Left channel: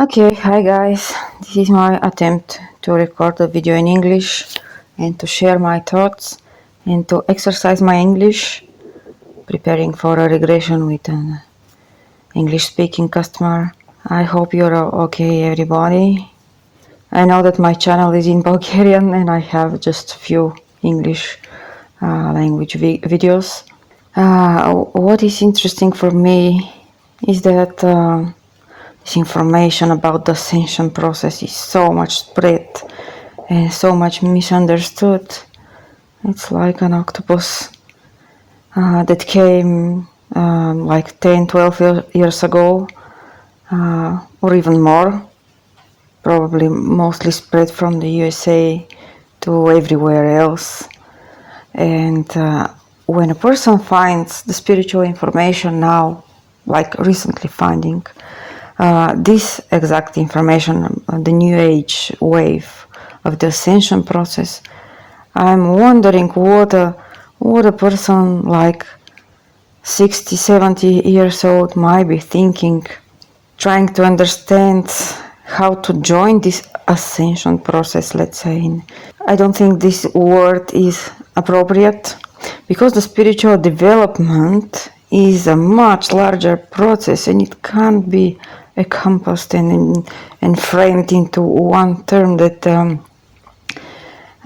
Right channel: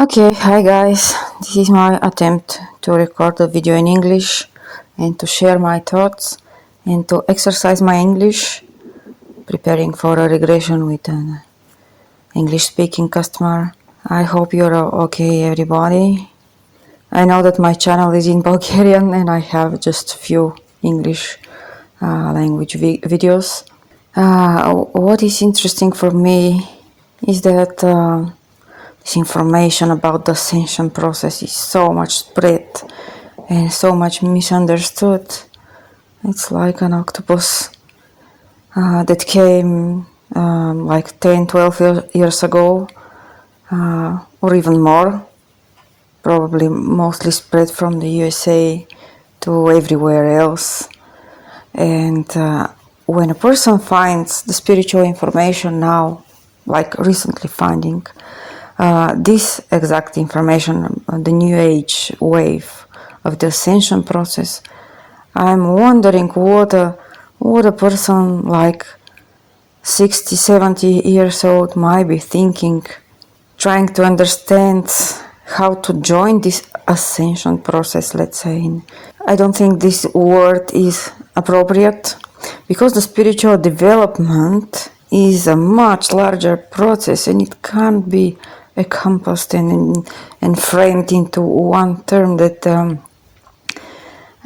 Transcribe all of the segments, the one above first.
Okay, hi guys. This is my attempt to record a video in English and to share my thoughts and to exercise my English, preparing for a regression with an English speaking customer. I hope you're okay, everybody. I know that my channel is in Bulgarian and I have just few English language videos. What is interesting for me is that this information about the ascension process is so much spread and so much misunderstood. It's like an octopus that came like 10, 12 years ago, or even more, probably mostly spread from the USA to everywhere else. And when a person finds the spiritual information now, like recently finding this exact information, the New Age wave of the ascension process, I'm wondering what a person like 60, 70 years old might be thinking, trying to understand how to join this ascension process, let's say. I don't think this word is appropriate because the spiritual development is a much larger process and it can't be encompassed and framed into one term that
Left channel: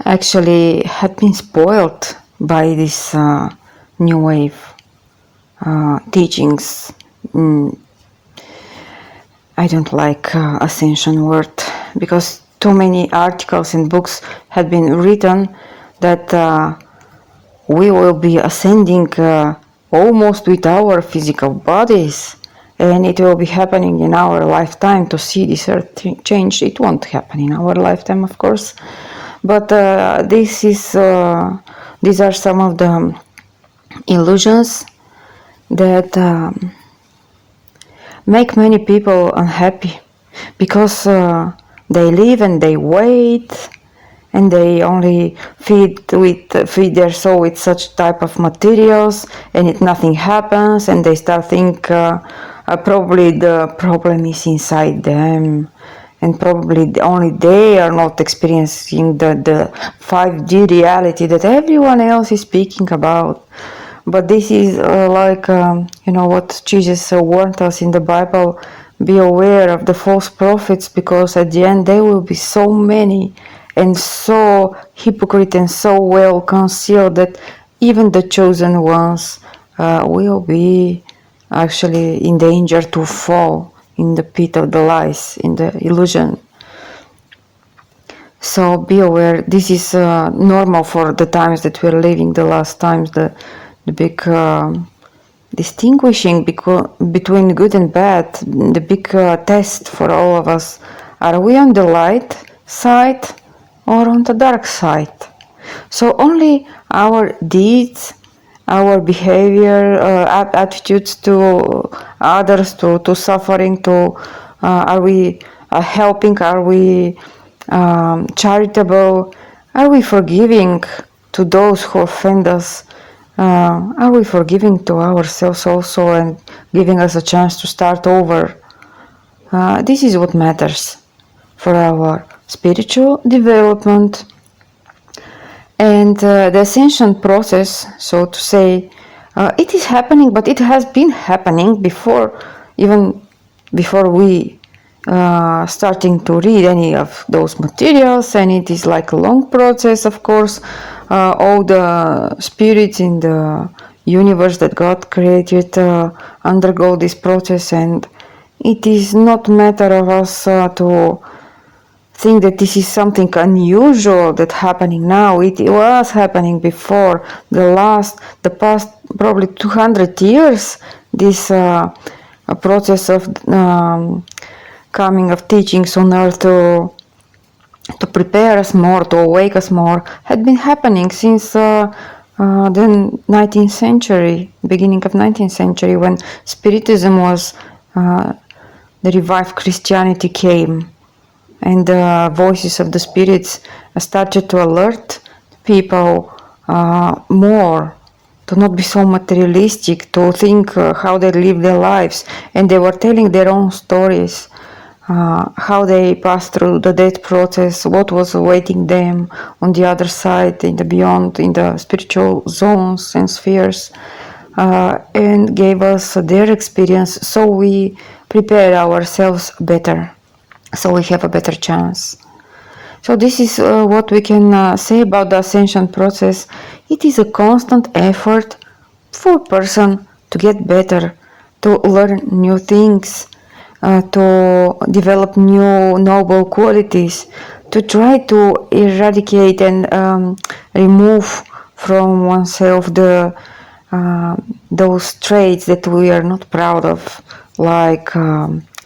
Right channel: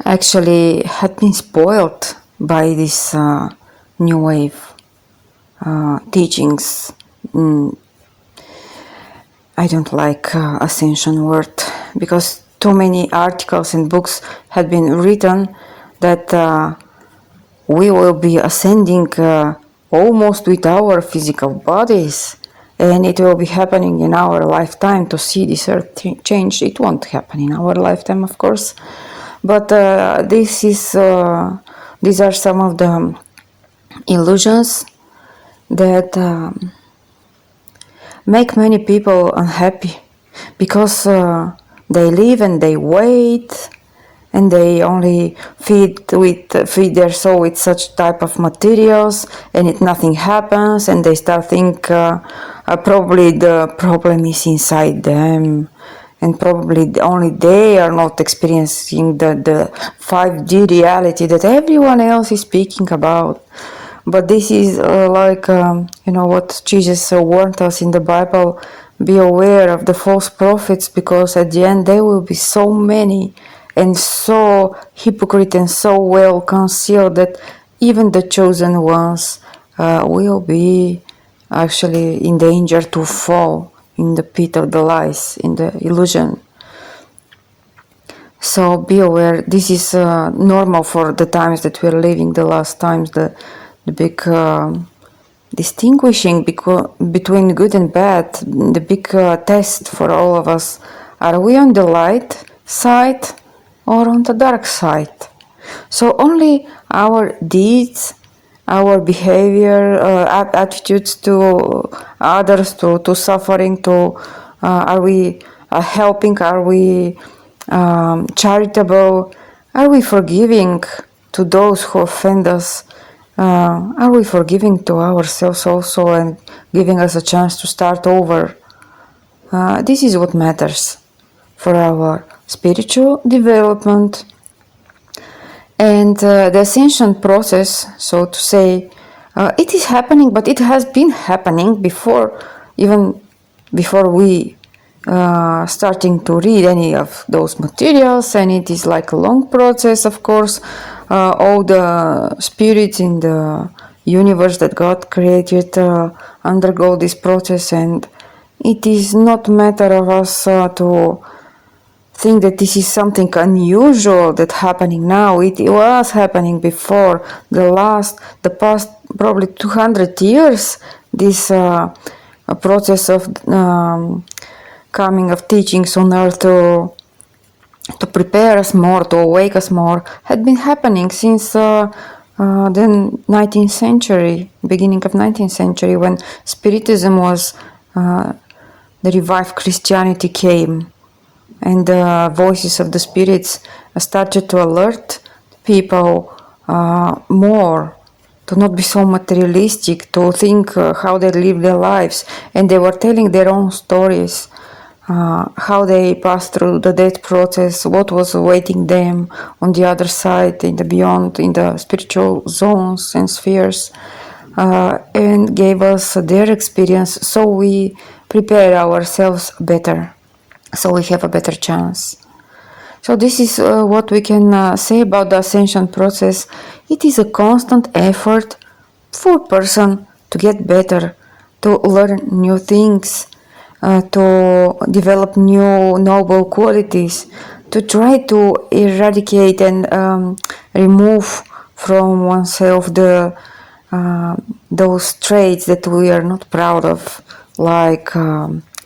actually had been spoiled by this new wave teachings. I don't like ascension word because too many articles and books had been written that we will be ascending almost with our physical bodies, and it will be happening in our lifetime to see this earth change. It won't happen in our lifetime, of course, but these are some of the illusions that make many people unhappy because they live and they wait and they only feed their soul with such type of materials, and nothing happens, and they start think probably the problem is inside them, and probably only they are not experiencing the 5D reality that everyone else is speaking about. But this is what Jesus warned us in the Bible: be aware of the false prophets, because at the end there will be so many and so hypocrite and so well concealed that even the chosen ones will be actually in danger to fall in the pit of the lies, in the illusion. So be aware. This is normal for the times that we're living, the last times, the big distinguishing between good and bad, the big test for all of us. Are we on the light side or on the dark side? So only our deeds, our behavior, attitudes to others, to suffering, are we helping, are we charitable, are we forgiving to those who offend us, are we forgiving to ourselves also and giving us a chance to start over? This is what matters for our spiritual development. And the ascension process, so to say, it is happening, but it has been happening before we starting to read any of those materials, and it is like a long process, of course. All the spirits in the universe that God created undergo this process, and it is not a matter of us to think that this is something unusual that's happening now. It was happening before. The past probably 200 years, this process of coming of teachings on earth to prepare us more, to awake us more, had been happening since the 19th century, beginning of 19th century, when Spiritism was, the revived Christianity came, and the voices of the spirits started to alert people more, to not be so materialistic, to think how they live their lives, and they were telling their own stories. how they passed through the death process, what was awaiting them on the other side, in the beyond, in the spiritual zones and spheres, and gave us their experience so we prepare ourselves better, so we have a better chance. So this is what we can say about the ascension process. It is a constant effort for a person to get better, to learn new things, to develop new noble qualities, to try to eradicate and remove from oneself those traits that we are not proud of, like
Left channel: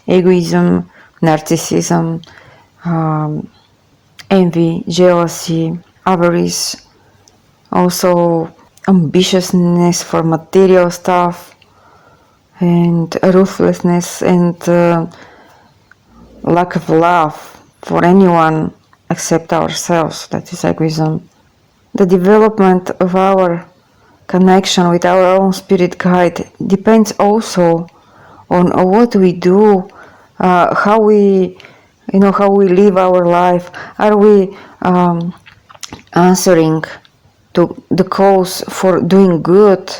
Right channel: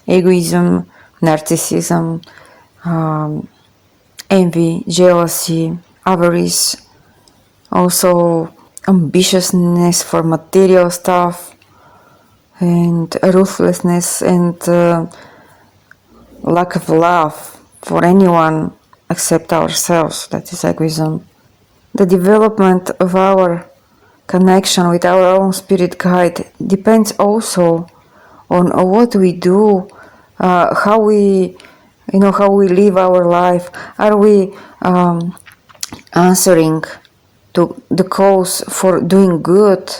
egoism, narcissism, envy, jealousy, avarice, also ambitiousness for material stuff, and ruthlessness and lack of love for anyone except ourselves. That is egoism. The development of our connection with our own spirit guide depends also on what we do, how we live our life. Are we answering to the calls for doing good?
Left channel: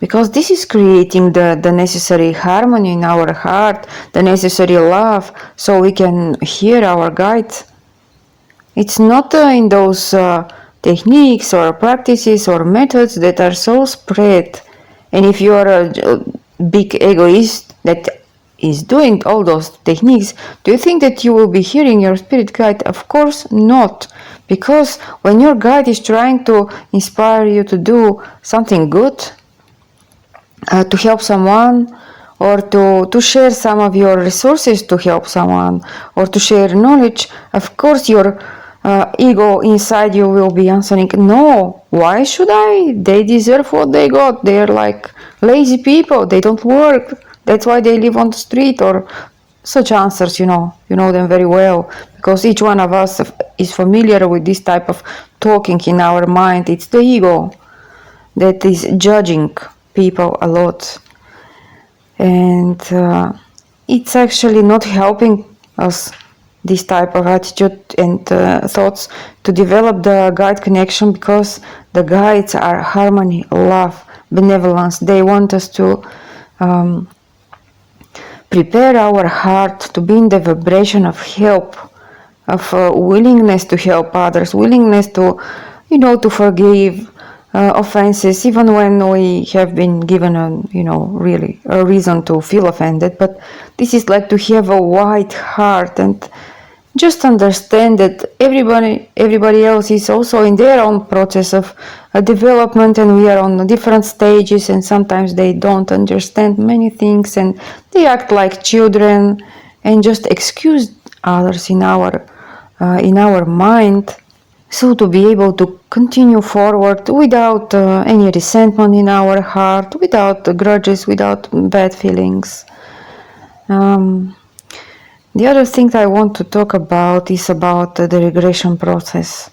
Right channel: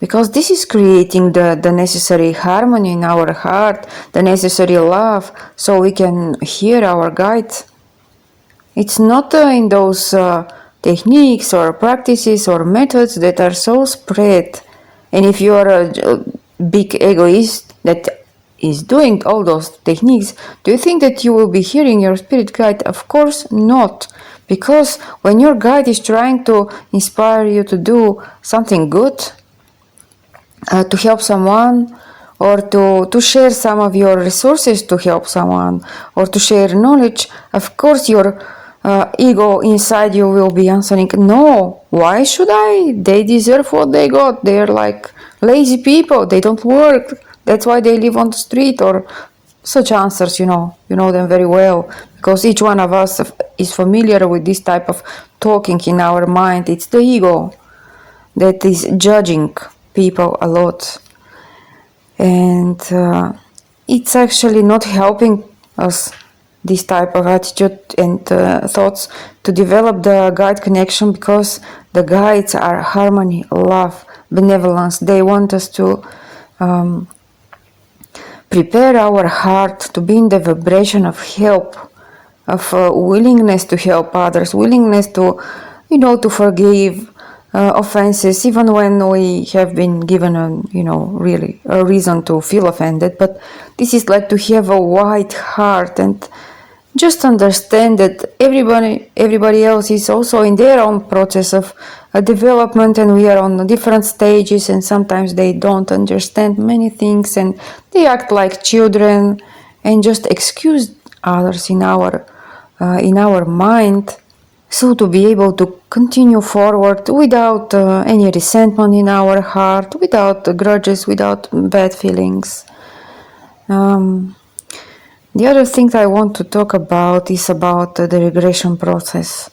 Because this is creating the necessary harmony in our heart, the necessary love, so we can hear our guides. It's not in those techniques or practices or methods that are so spread. And if you are a big egoist that is doing all those techniques, do you think that you will be hearing your spirit guide? Of course not. Because when your guide is trying to inspire you to do something good, to help someone, or to share some of your resources to help someone, or to share knowledge, of course your ego inside you will be answering, no, why should I? They deserve what they got. They are like lazy people. They don't work. That's why they live on the street, or such answers, you know them very well, because each one of us is familiar with this type of talking in our mind. It's the ego that is judging people a lot, and it's actually not helping us, this type of attitude and thoughts, to develop the guide connection, because the guides are harmony, love, benevolence. They want us to prepare our heart to be in the vibration of help, of willingness to help others, willingness to forgive offenses, even when we have been given really a reason to feel offended. But this is like to have a wide heart and just understand that everybody else is also in their own process of development, and we are on different stages, and sometimes they don't understand many things and they act like children and just excuse others in our mind. So to be able to continue forward without any resentment in our heart, without grudges, without bad feelings. The other thing I want to talk about is about the regression process.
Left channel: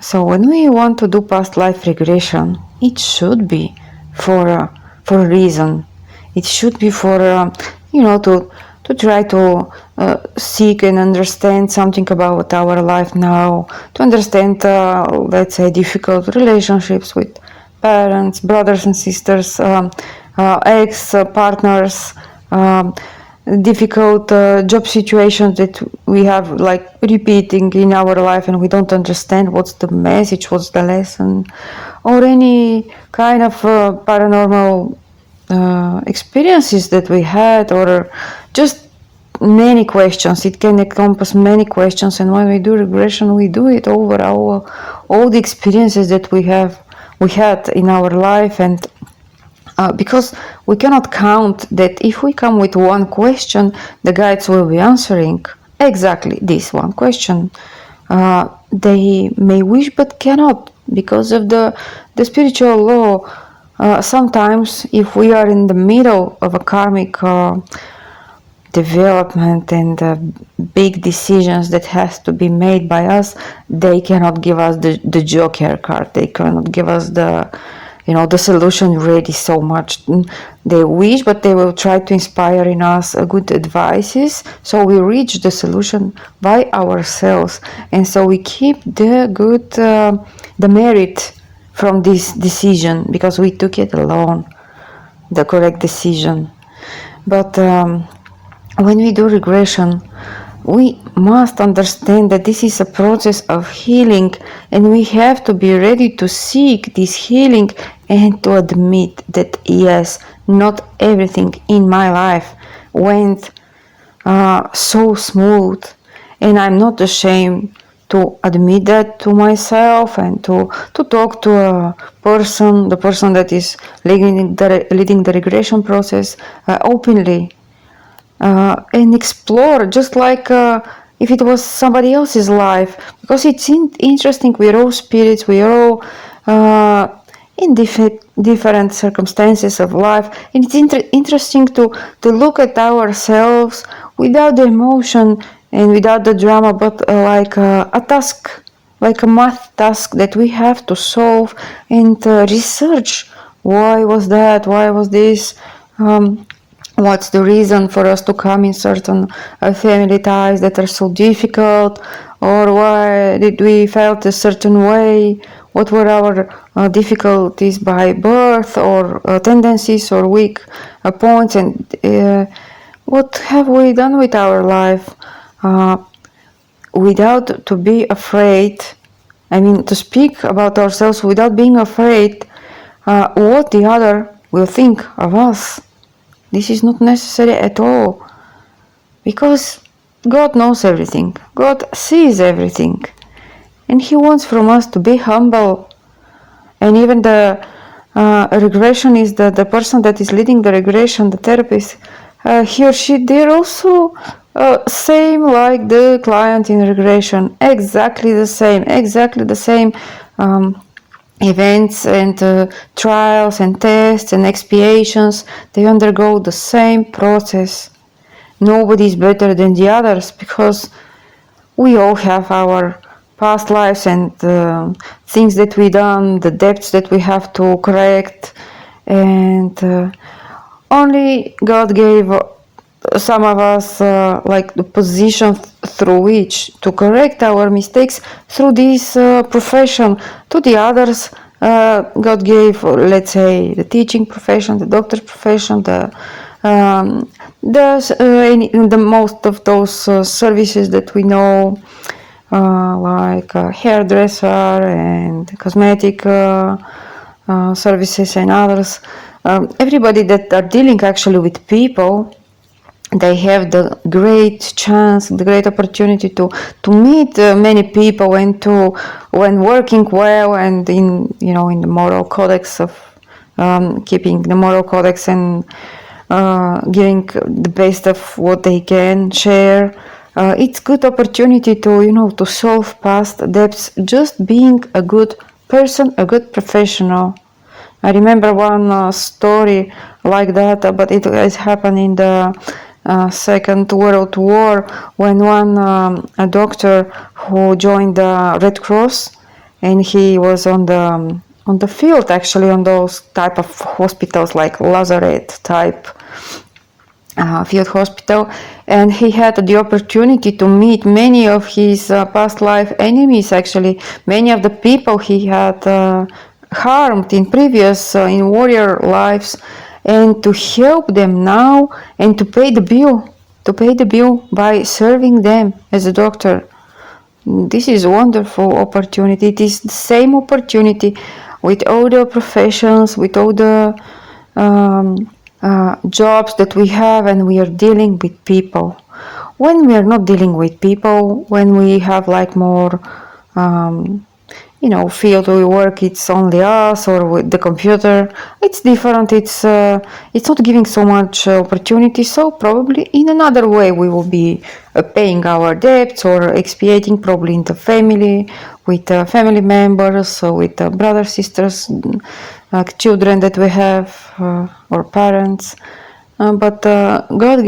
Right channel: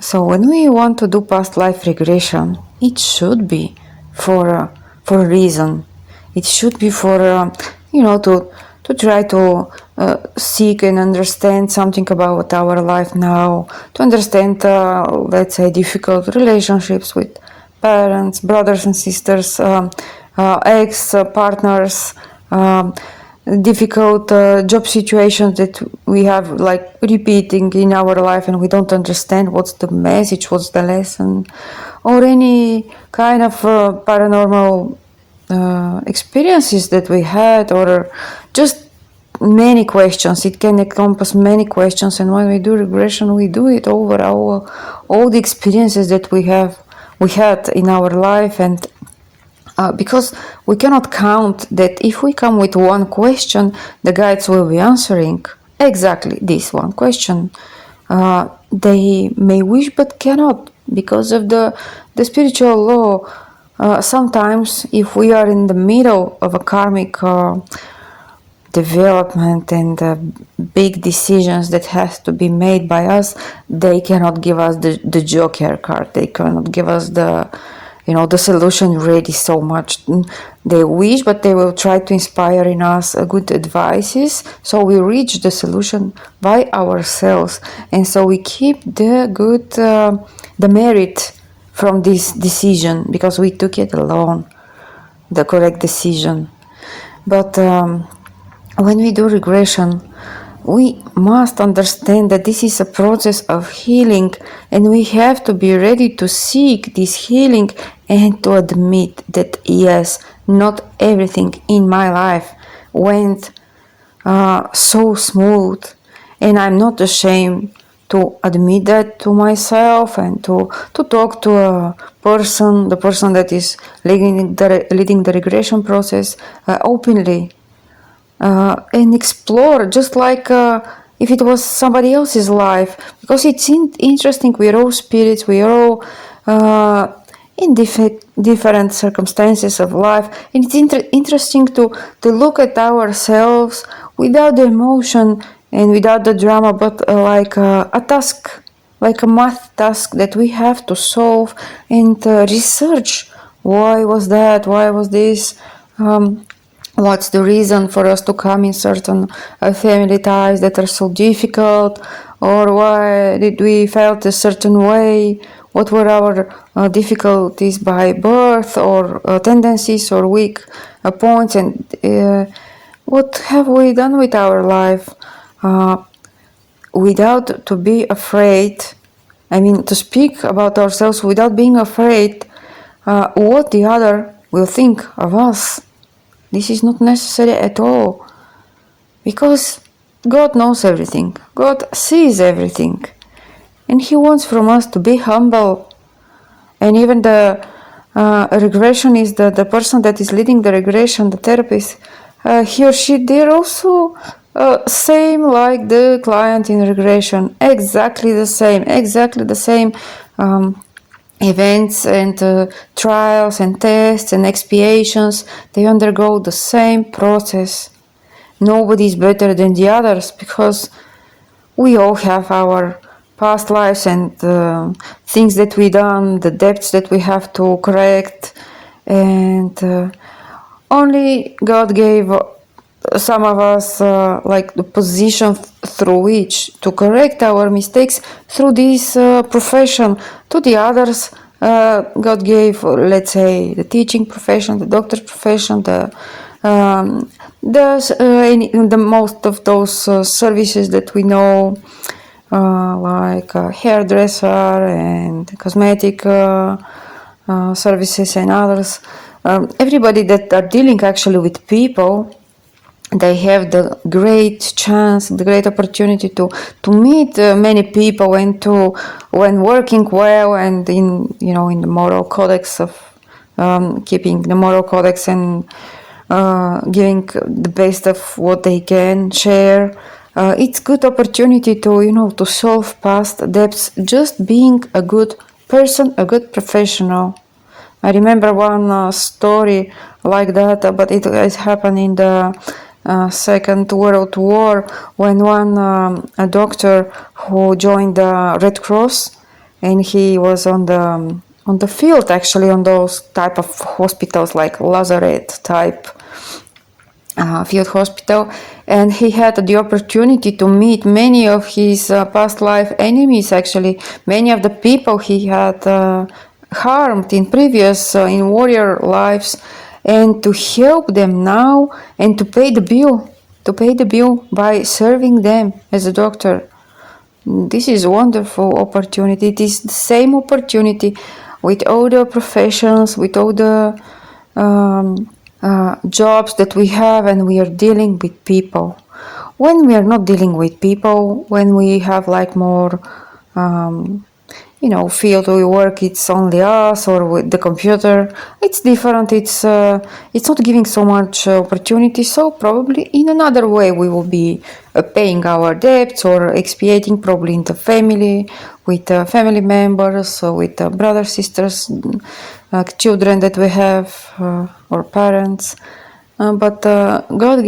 So when we want to do past life regression, it should be for a reason. It should be for to try to seek and understand something about our life now, to understand, let's say, difficult relationships with parents, brothers and sisters, ex-partners, difficult job situations that we have like repeating in our life, and we don't understand what's the message, what's the lesson, or any kind of paranormal experiences that we had, or just many questions. It can encompass many questions, and when we do regression, we do it over all the experiences that we had in our life. And because we cannot count that if we come with one question, the guides will be answering exactly this one question. They may wish but cannot, because of the spiritual law. Sometimes if we are in the middle of a karmic development and big decisions that has to be made by us, they cannot give us the Joker card. They cannot give us the the solution ready so much. They wish, but they will try to inspire in us good advices. So we reach the solution by ourselves, and so we keep the good, the merit from this decision because we took it alone, the correct decision. But when we do regression, we must understand that this is a process of healing, and we have to be ready to seek this healing and to admit that yes, not everything in my life went so smooth, and I'm not ashamed to admit that to myself and to talk to a person, the person that is leading the regression process openly. And explore just like if it was somebody else's life, because it's interesting. We're all spirits, we're all in different circumstances of life, and it's interesting to look at ourselves without the emotion and without the drama, but like a task, like a math task that we have to solve and research. Why was that? Why was this? What's the reason for us to come in certain family ties that are so difficult? Or why did we felt a certain way? What were our difficulties by birth, or tendencies, or weak points? And what have we done with our life without to be afraid? I mean, to speak about ourselves without being afraid what the other will think of us. This is not necessary at all, because God knows everything. God sees everything, and He wants from us to be humble. And even the regression is the person that is leading the regression, the therapist, he or she, they're also same like the client in regression, exactly the same events and trials and tests and expiations. They undergo the same process. Nobody is better than the others, because we all have our past lives and things that we done, the debts that we have to correct, and only God gave some of us like the position through which to correct our mistakes through this profession. To the others, God gave, let's say, the teaching profession, the doctor profession, the most of those services that we know, like hairdresser and cosmetic services and others. Everybody that are dealing actually with people, they have the great chance, the great opportunity to meet many people, and to, when working well and in the moral codex of keeping the moral codex and giving the best of what they can share. It's good opportunity to solve past debts, just being a good person, a good professional. I remember one story like that, but it has happened in the Second World War, when one a doctor who joined the Red Cross, and he was on the field, actually, on those type of hospitals like Lazaret type field hospital, and he had the opportunity to meet many of his past life enemies. Actually, many of the people he had harmed in previous in warrior lives, and to help them now and to pay the bill by serving them as a doctor. This is a wonderful opportunity. It is the same opportunity with all the professions, with all the jobs that we have, and we are dealing with people. When we are not dealing with people, when we have like more field we work, it's only us or with the computer, it's different. It's not giving so much opportunity. So probably in another way we will be paying our debts or expiating, probably in the family, with family members, with brothers, sisters, children that we have, or parents. But God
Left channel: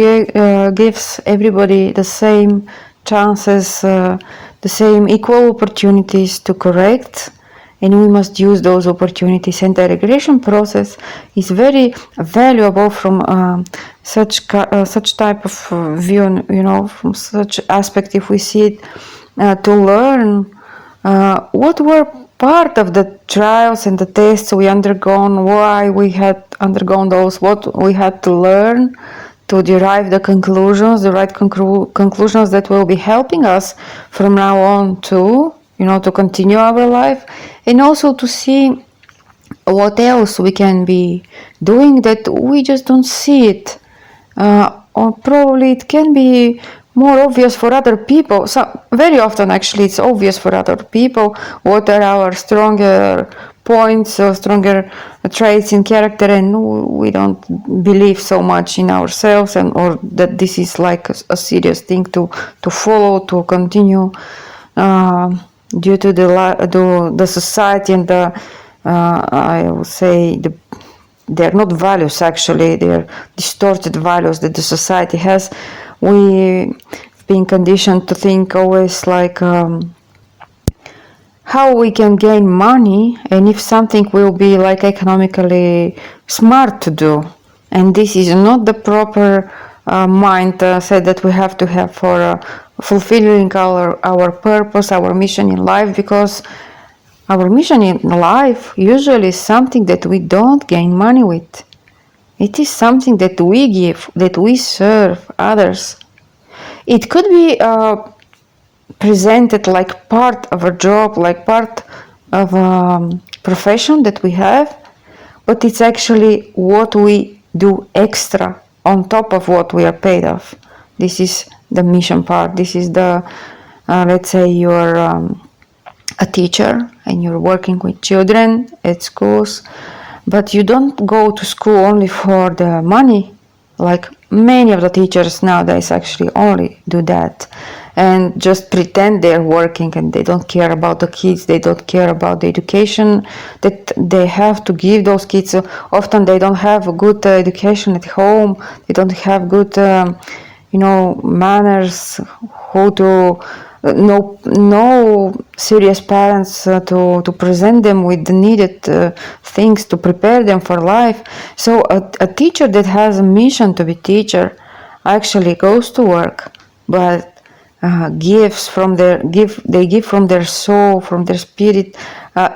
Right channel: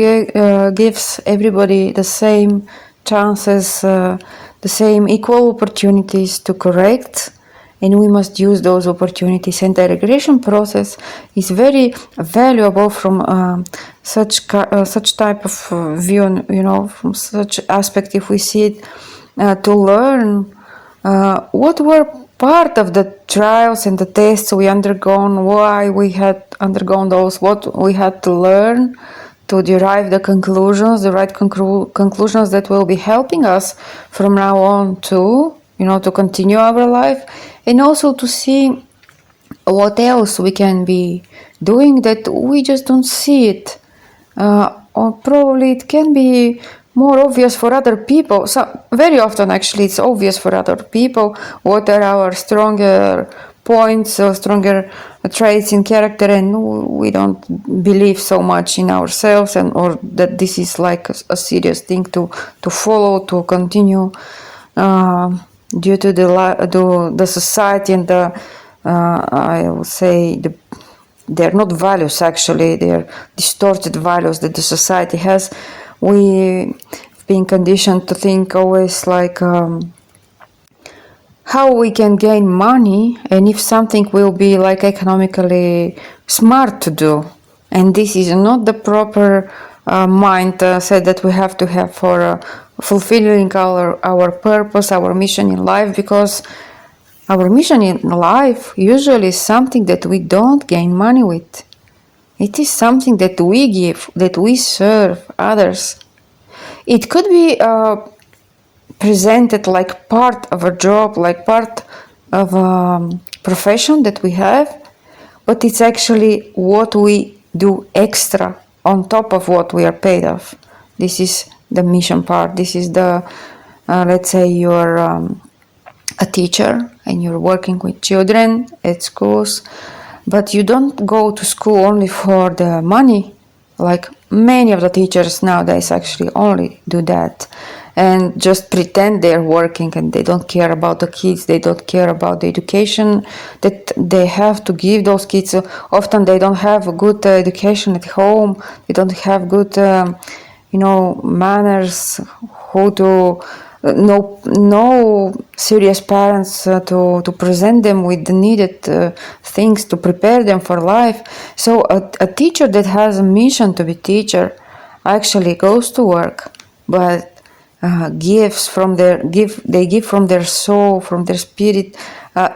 gives everybody the same chances, the same equal opportunities to correct and we must use those opportunities. And the regression process is very valuable from such type of view, from such aspect. If we see it, to learn what were part of the trials and the tests we undergone, why we had undergone those, what we had to learn to derive the conclusions, the right conclusions that will be helping us from now on to, to continue our life, and also to see what else we can be doing that we just don't see it. Or probably it can be more obvious for other people. So very often actually it's obvious for other people what are our stronger points or stronger traits in character, and we don't believe so much in ourselves, and or that this is like a serious thing to follow, to continue, due to the society and the I will say they're not values, actually they're distorted values that the society has. We've been conditioned to think always like how we can gain money, and if something will be like economically smart to do. And this is not the proper mindset that we have to have for fulfilling our purpose, our mission in life, because our mission in life usually is something that we don't gain money with. It is something that we give, that we serve others. It could be presented like part of a job, like part of a profession that we have, but it's actually what we do extra on top of what we are paid off. This is the mission part. This is the, let's say you're a teacher and you're working with children at schools, but you don't go to school only for the money. Like many of the teachers nowadays actually only do that and just pretend they're working, and they don't care about the kids, they don't care about the education that they have to give those kids. Often they don't have a good education at home, they don't have good manners, how to no serious parents to present them with the needed things to prepare them for life. So a teacher that has a mission to be teacher actually goes to work, but gives from they give from their soul, from their spirit,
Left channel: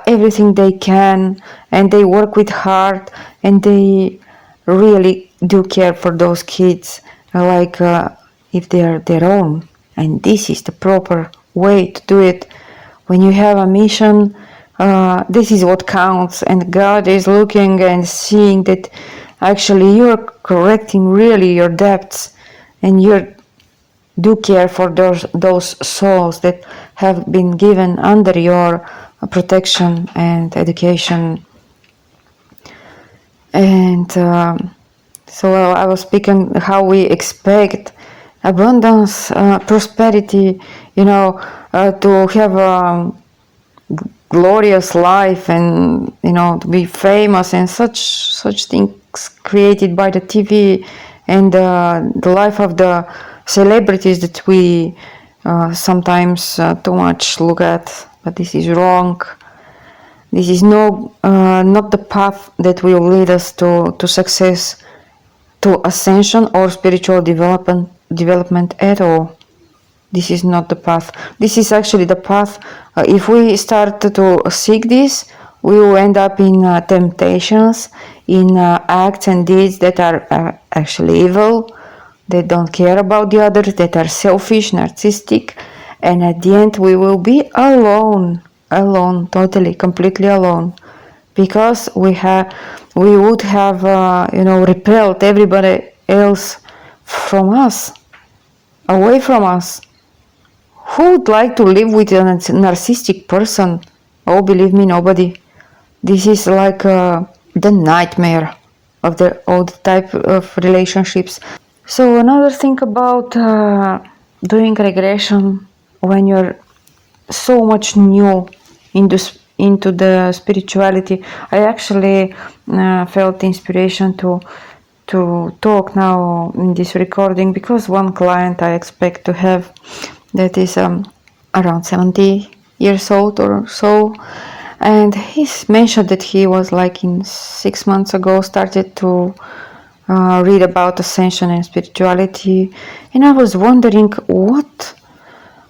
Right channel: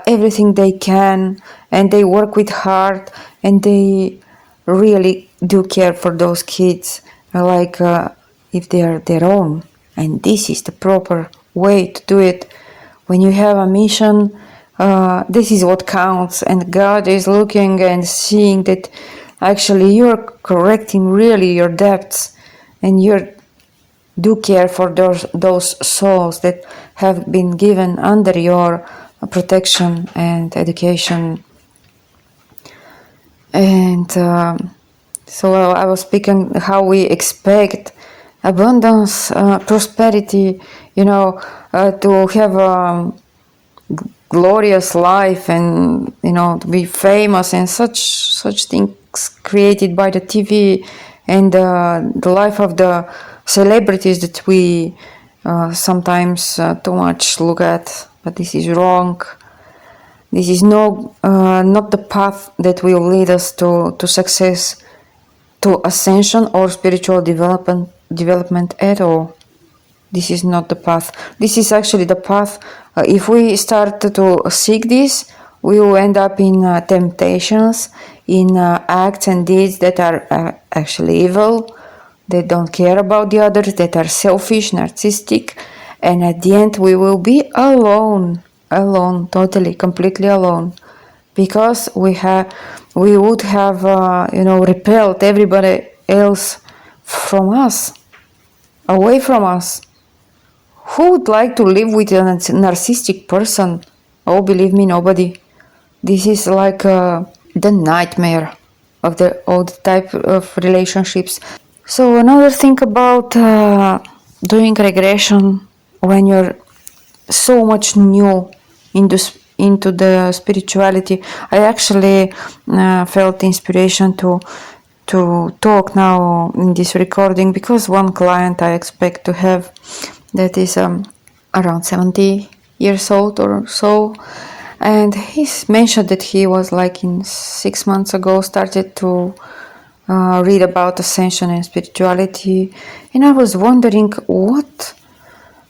everything they can, and they work with heart, and they really do care for those kids, like if they are their own. And this is the proper way to do it. When you have a mission, this is what counts, and God is looking and seeing that actually you're correcting really your debts, and you do care for those souls that have been given under your protection and education. And so I was speaking how we expect abundance, prosperity, to have a glorious life, and to be famous, and such things created by the TV and the life of the celebrities that we sometimes too much look at. But this is wrong. This is not the path that will lead us to success, to ascension or spiritual development at all. This is not the path. This is actually the path. If we start to seek this, we will end up in temptations, in acts and deeds that are actually evil. They don't care about the others, that are selfish, narcissistic, and at the end we will be alone, totally, completely alone, because we would have repelled everybody else from us, away from us. Who would like to live with a narcissistic person? Oh, believe me, nobody. This is like the nightmare of all the type of relationships. So another thing about doing regression when you're so much new into the spirituality, I actually felt inspiration to talk now in this recording, because one client I expect to have that is around 70 years old or so, And he mentioned that he was like in 6 months ago started to read about ascension and spirituality, and I was wondering what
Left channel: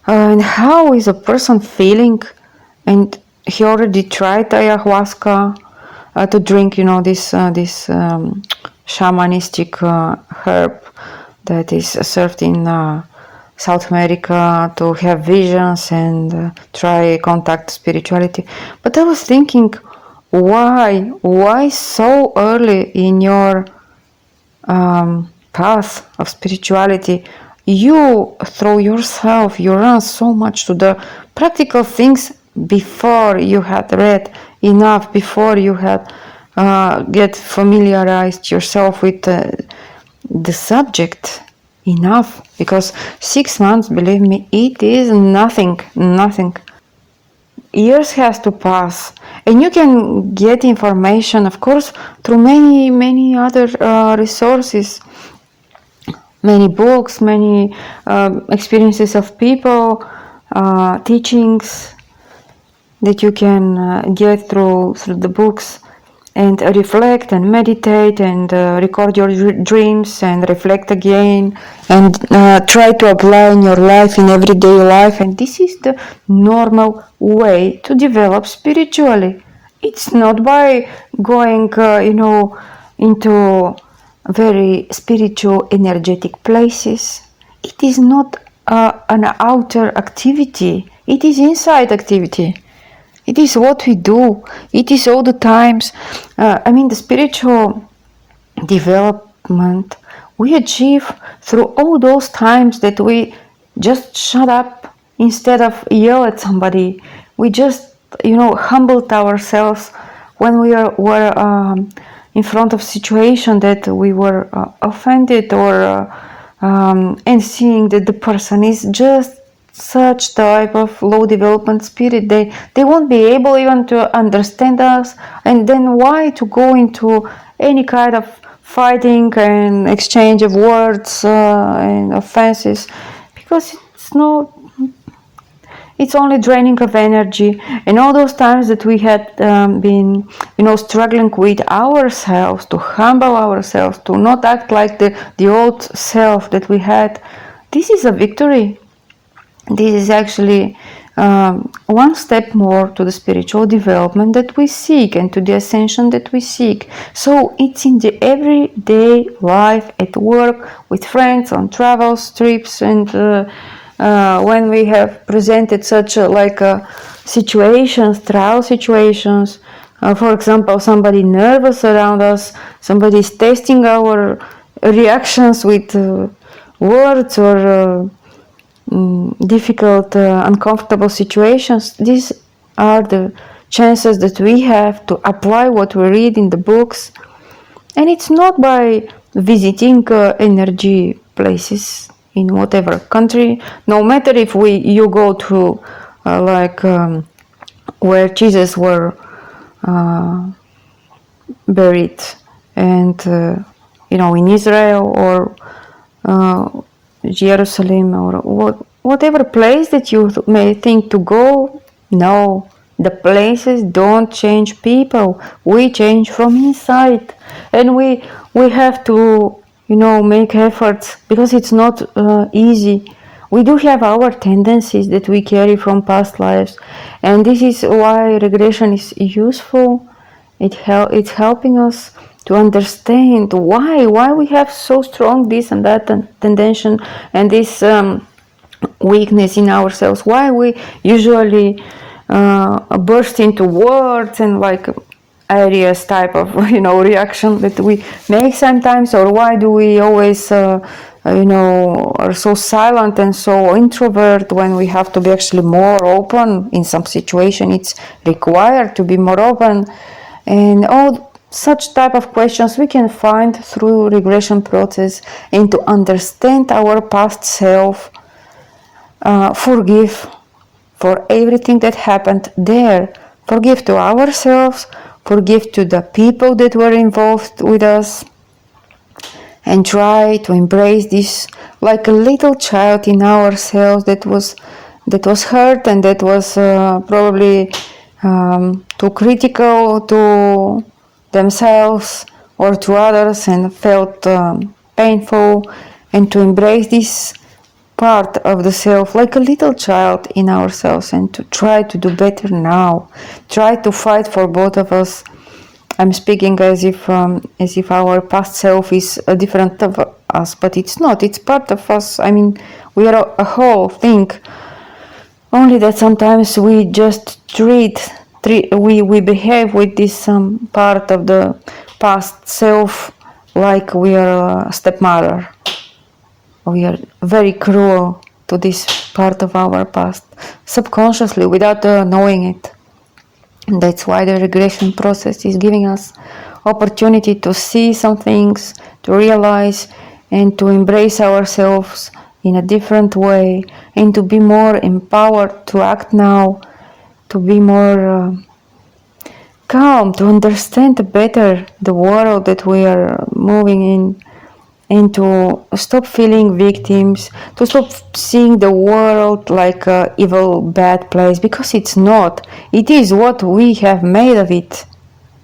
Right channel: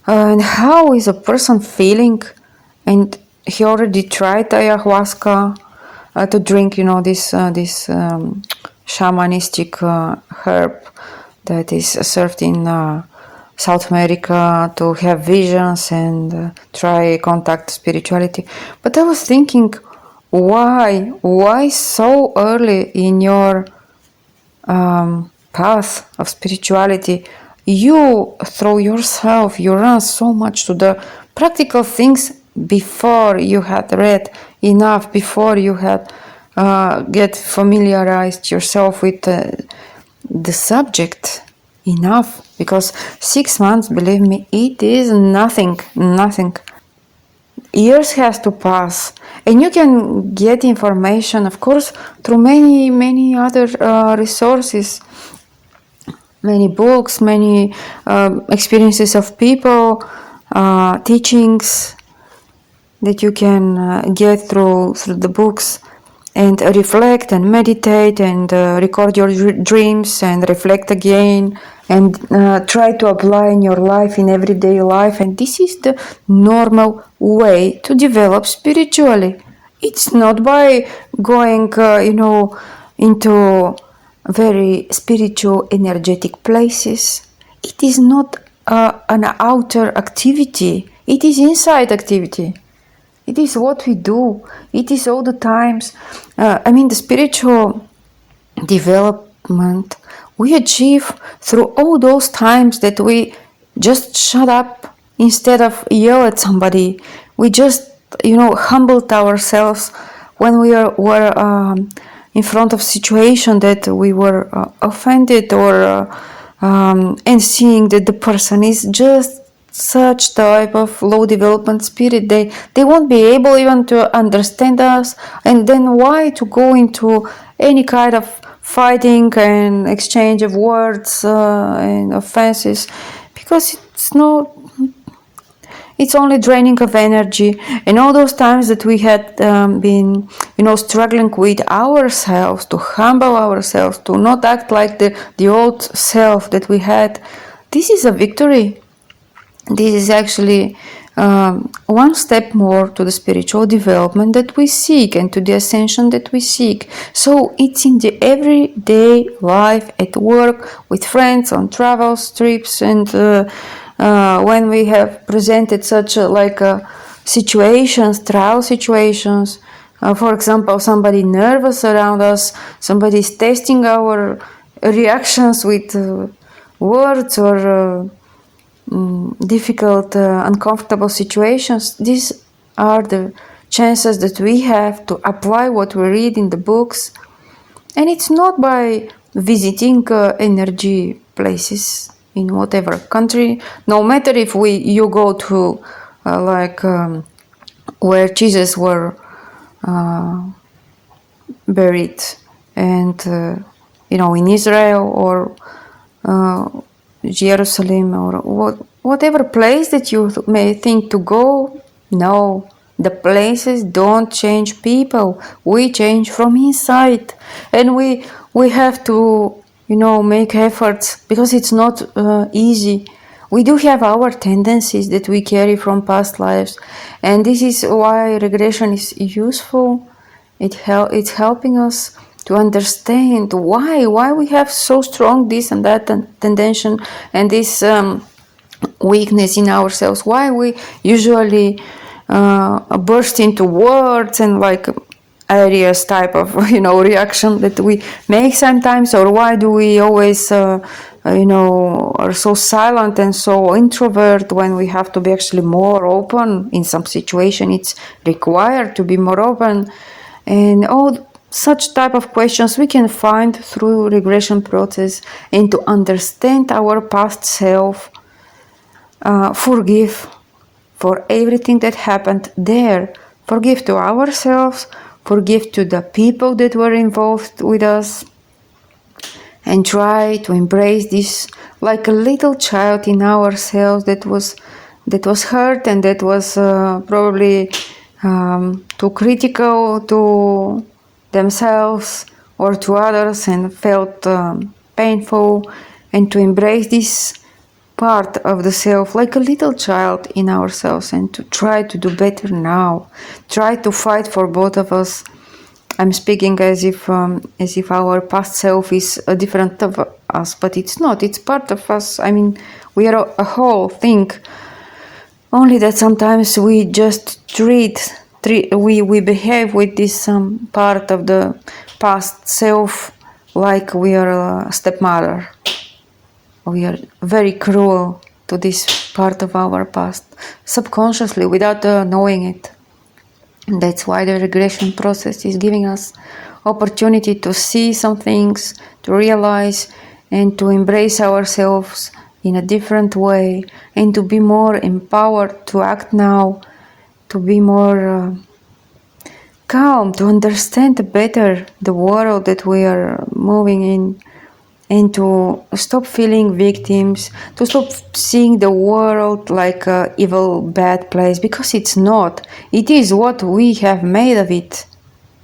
and how is a person feeling. And he already tried ayahuasca to drink, this shamanistic herb that is served in South America to have visions and try contact spirituality. But I was thinking, why so early in your path of spirituality you throw yourself, you run so much to the practical things before you had read enough, before you had get familiarized yourself with the subject enough? Because 6 months, believe me, it is nothing. Years has to pass, and you can get information, of course, through many other resources, many books, many experiences of people, teachings that you can get through the books, and reflect and meditate and record your dreams and reflect again and try to apply in your life, in everyday life. And this is the normal way to develop spiritually. It's not by going into very spiritual energetic places. It is not an outer activity, it is inside activity. It is what we do. It is all the times. The spiritual development we achieve through all those times that we just shut up instead of yell at somebody. We just, humbled ourselves when we were in front of situation that we were offended or and seeing that the person is just such type of low development spirit, they won't be able even to understand us, and then why to go into any kind of fighting and exchange of words and offenses, because it's only draining of energy. And all those times that we had been struggling with ourselves, to humble ourselves, to not act like the old self that we had, this is a victory. This is actually one step more to the spiritual development that we seek and to the ascension that we seek. So it's in the everyday life, at work, with friends, on travels, trips, and when we have presented such situations, trial situations. For example, somebody nervous around us, somebody is testing our reactions with words or difficult, uncomfortable situations. These are the chances that we have to apply what we read in the books. And it's not by visiting energy places in whatever country, no matter if you go to where Jesus were buried, and in Israel or Jerusalem or whatever place that you may think to go. No, the places don't change people. We change from inside, and we have to make efforts, because it's not easy. We do have our tendencies that we carry from past lives, and this is why regression is useful. It's helping us to understand why we have so strong this and that tendency and this weakness in ourselves, why we usually burst into words and areas type of reaction that we make sometimes, or why do we always are so silent and so introvert when we have to be actually more open. In some situation it's required to be more open, and all such type of questions we can find through regression process. And to understand our past self, forgive for everything that happened there, forgive to ourselves, forgive to the people that were involved with us, and try to embrace this like a little child in ourselves that was hurt and that was probably too critical to themselves or to others and felt painful, and to embrace this part of the self like a little child in ourselves and to try to do better now, try to fight for both of us. I'm speaking as if our past self is a different of us, but it's not. It's part of us. I mean, we are a whole thing. Only that sometimes we just we behave with this part of the past self like we are a stepmother. We are very cruel to this part of our past, subconsciously, without knowing it. And that's why the regression process is giving us opportunity to see some things, to realize and to embrace ourselves in a different way, and to be more empowered to act now, to be more calm, to understand better the world that we are moving in, and to stop feeling victims, to stop seeing the world like an evil, bad place, because it's not. It is what we have made of it.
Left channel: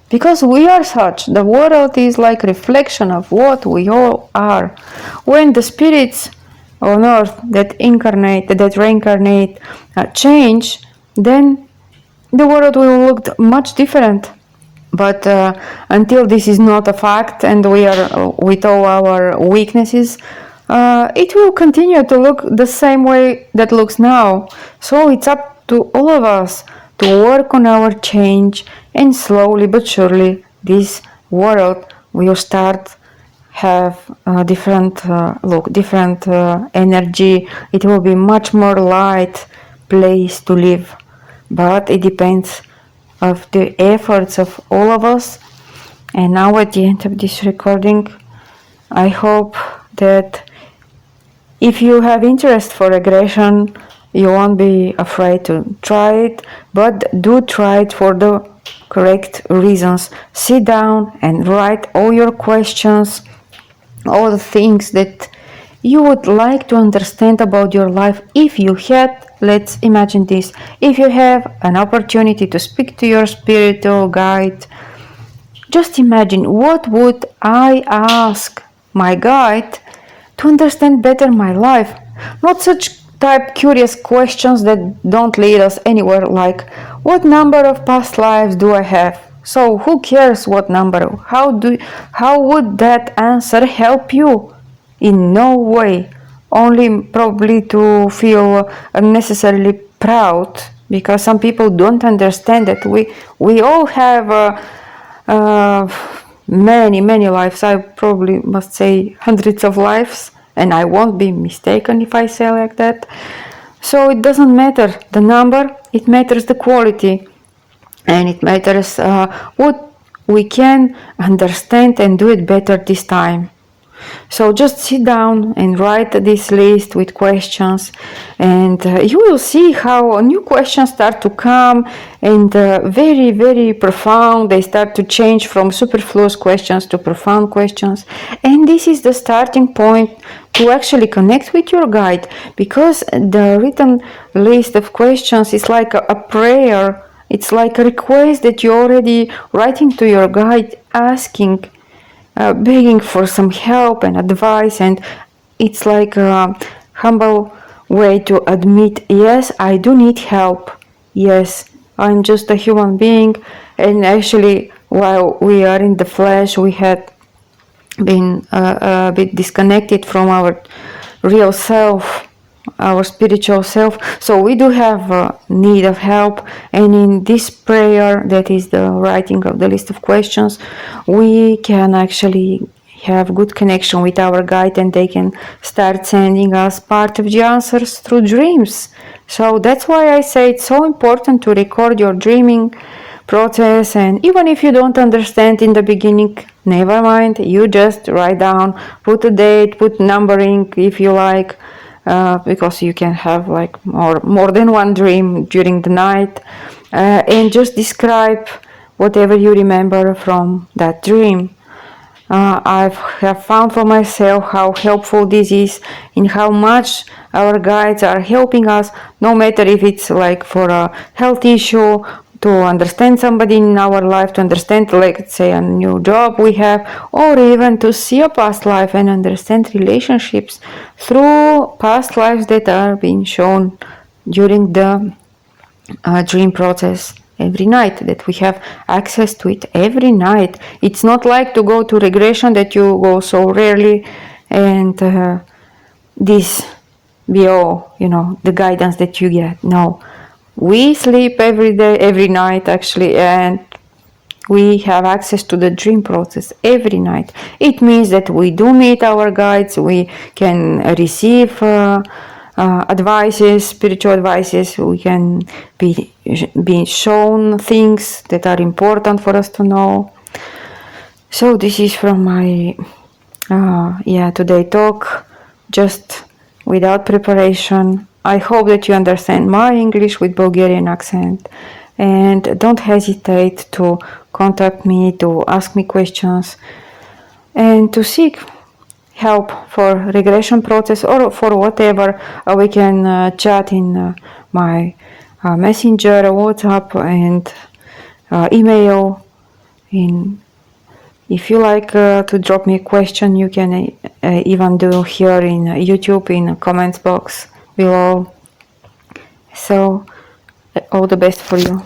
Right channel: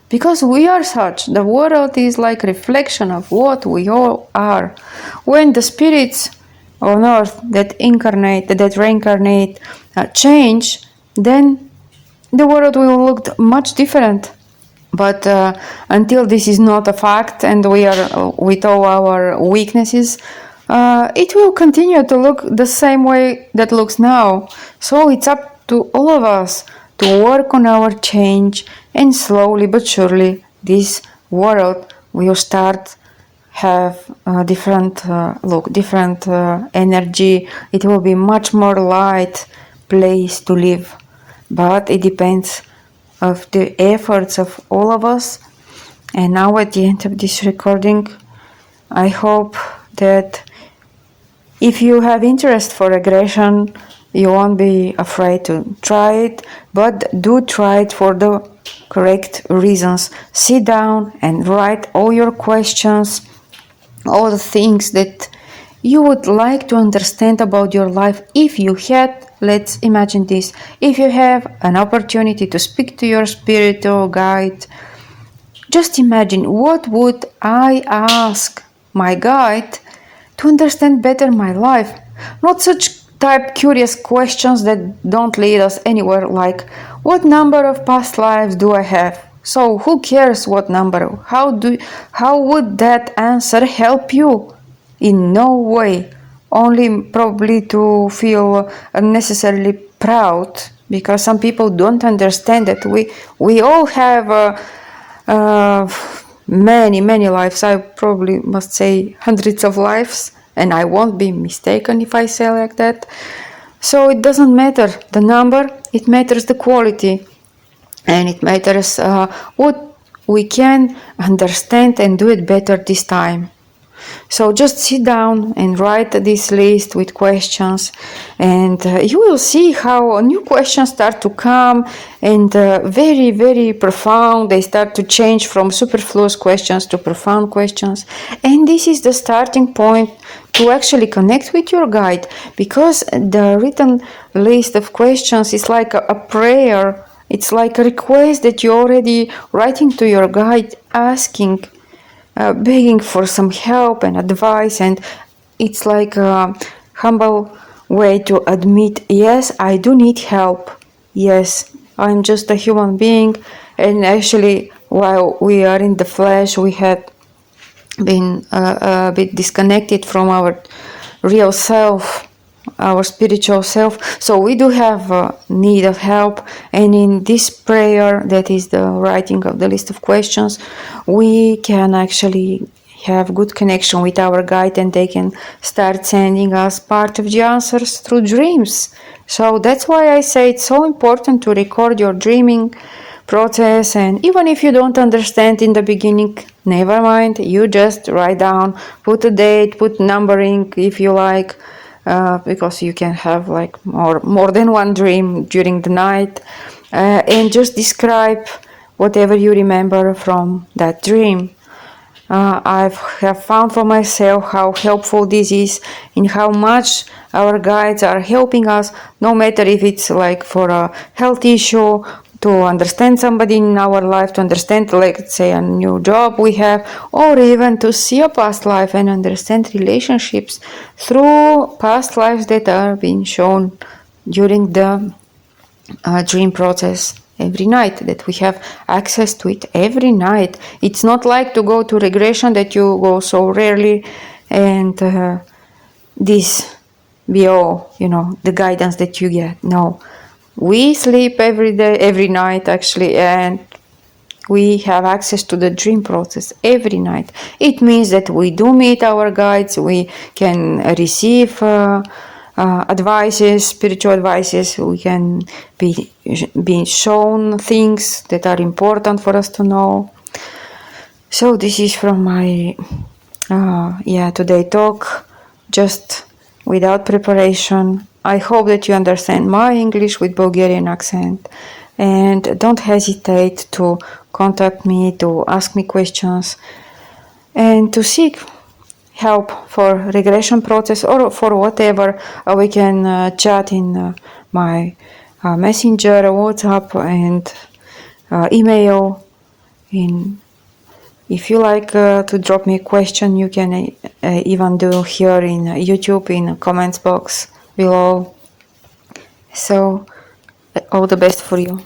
Because we are such. The world is like a reflection of what we all are. When the spirits on earth that reincarnate, change, then the world will look much different. But until this is not a fact, and we are with all our weaknesses, it will continue to look the same way that looks now. So it's up to all of us to work on our change, and slowly but surely this world will start have a different look, different energy. It will be much more light place to live. But it depends of the efforts of all of us. And now at the end of this recording, I hope that if you have interest for regression, you won't be afraid to try it, but do try it for the correct reasons. Sit down and write all your questions, all the things that you would like to understand about your life. If you had, let's imagine this, if you have an opportunity to speak to your spiritual guide, just imagine, what would I ask my guide to understand better my life? Not such type curious questions that don't lead us anywhere, like what number of past lives do I have? So who cares what number? How would that answer help you? In no way. Only probably to feel unnecessarily proud, because some people don't understand that we all have many lives. I probably must say hundreds of lives, and I won't be mistaken if I say like that. So it doesn't matter the number, it matters the quality, and it matters what we can understand and do it better this time. So just sit down and write this list with questions, and you will see how new questions start to come, and very profound. They start to change from superfluous questions to profound questions. And this is the starting point to actually connect with your guide, because the written list of questions is like a prayer. It's like a request that you're already writing to your guide, asking, begging for some help and advice. And it's like a humble way to admit, yes, I do need help. Yes, I'm just a human being, and actually while we are in the flesh, we had been a bit disconnected from our real self, our spiritual self. So we do have need of help, and in this prayer, that is the writing of the list of questions, we can actually have good connection with our guide, and they can start sending us part of the answers through dreams. So that's why I say it's so important to record your dreaming process. And even if you don't understand in the beginning, never mind, you just write down, put a date, put numbering if you like, because you can have like more than one dream during the night, and just describe whatever you remember from that dream. I have found for myself how helpful this is, and how much our guides are helping us, no matter if it's like for a health issue, to understand somebody in our life, to understand, let's say, a new job we have, or even to see a past life and understand relationships through past lives that are being shown during the dream process every night, that we have access to it every night. It's not like to go to regression that you go so rarely and this be all, the guidance that you get. No, we sleep every day, every night actually, and we have access to the dream process every night. It means that we do meet our guides, we can receive advices, spiritual advices, we can be shown things that are important for us to know. So this is from my today talk, just without preparation. I hope that you understand my English with Bulgarian accent, and don't hesitate to contact me, to ask me questions, and to seek help for regression process or for whatever. We can chat in my messenger, WhatsApp, and email. If you like to drop me a question, you can even do here in YouTube in the comments box below. So all the best for you.